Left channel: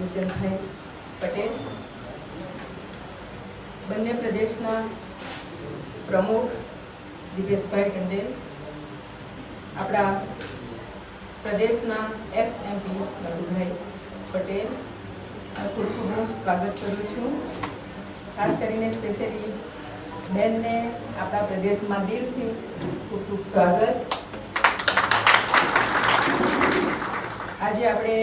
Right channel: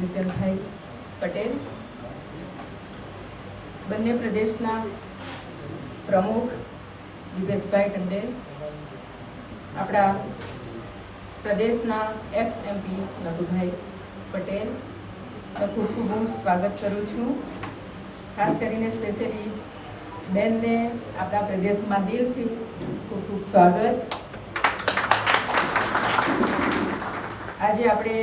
દુષ્યંતભાઈ પટેલ, બંને પ્રદેશના પ્રમુખ દિપેશભાઈ ટંડેલ, આપણા પ્રદેશના એક્સ MP નભુભાઈ પટેલ, ખૂબ ખૂબ હું સ્વાગત કરું છું. ખાસ કરીને સ્પેશિયલી બેનને આપણા પ્રદેશમાં દિલથી ખૂબ ખૂબ સ્વાગત. આજે આપણે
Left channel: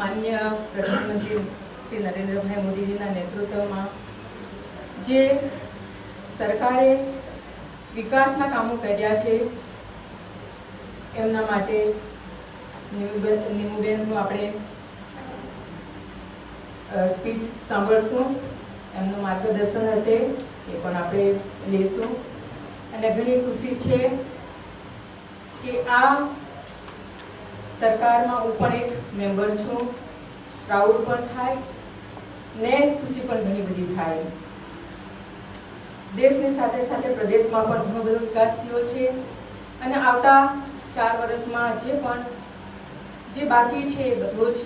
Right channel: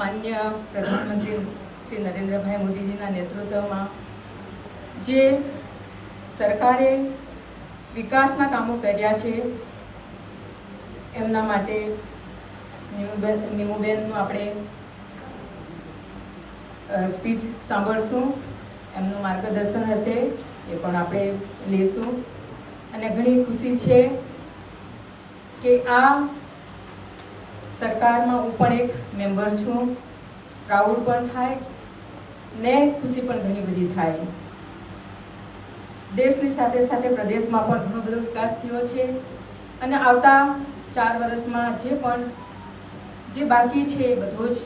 માન્ય પ્રધાનમંત્રી શ્રી નરેન્દ્રભાઈ મોદીજીના નેતૃત્વમાં જે સરકારે વિકાસના કામો કર્યા છે એમના માટે નીમુબેનનું આપણે સ્પીચ સાંભળશું. એમનું માર્ગદર્શન હશે એ પણ આપણે લઈશું. અને ઘણી ખુશી છે કે આ સરકારમાં હું પણ એક મેમ્બર છું. પ્રાઉડ પણ થાય ને ખુશી પણ ઘણી બધી થાય. દેશની સાથે સાથે પ્રદેશમાં પણ ઘણો બધો વિકાસ થયો છે અને આવતા 4 વર્ષમાં જે બાકી છે એ બધો જ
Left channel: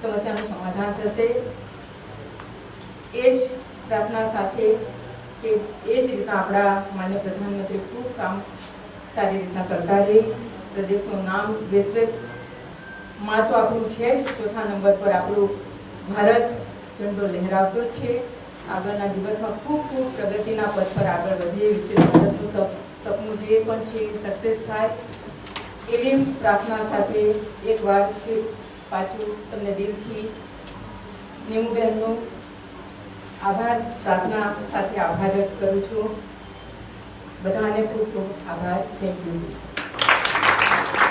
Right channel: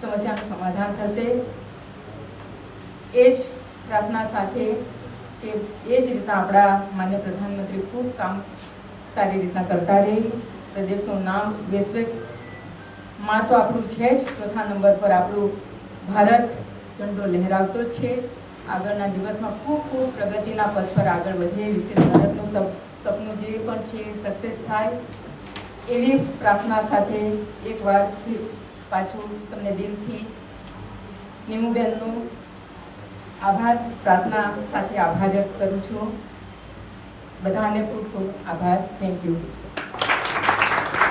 સમસ્યાનું સમાધાન થશે. એ જ પ્રાર્થના સાથે કે એ જ રીતના આપણા માન્ય પ્રધાનમંત્રી ખૂબ કામ સારી રીતના કરતા રહે. પ્રદેશનું નામ વૈશ્વિકમાં તો આપણું છે જ, 4થા નંબર પર આપણું ભારત ઝંડો લહેરાવતો જ છે. આગળના દિવસમાં ખૂબ ખૂબ પ્રગતિના પથ પર આગળ વધે, વિકસિત ભારતનું સપનું જે પણ છે સક્સેસ થાય એવી પ્રાર્થના સાથે એકવાર પાછું તમને દિલથી નીમુબેનનો આભાર પ્રાર્થના સાથે આભાર વ્યક્ત કરું છું. બધાને ખૂબ ખૂબ આભાર. Thank you.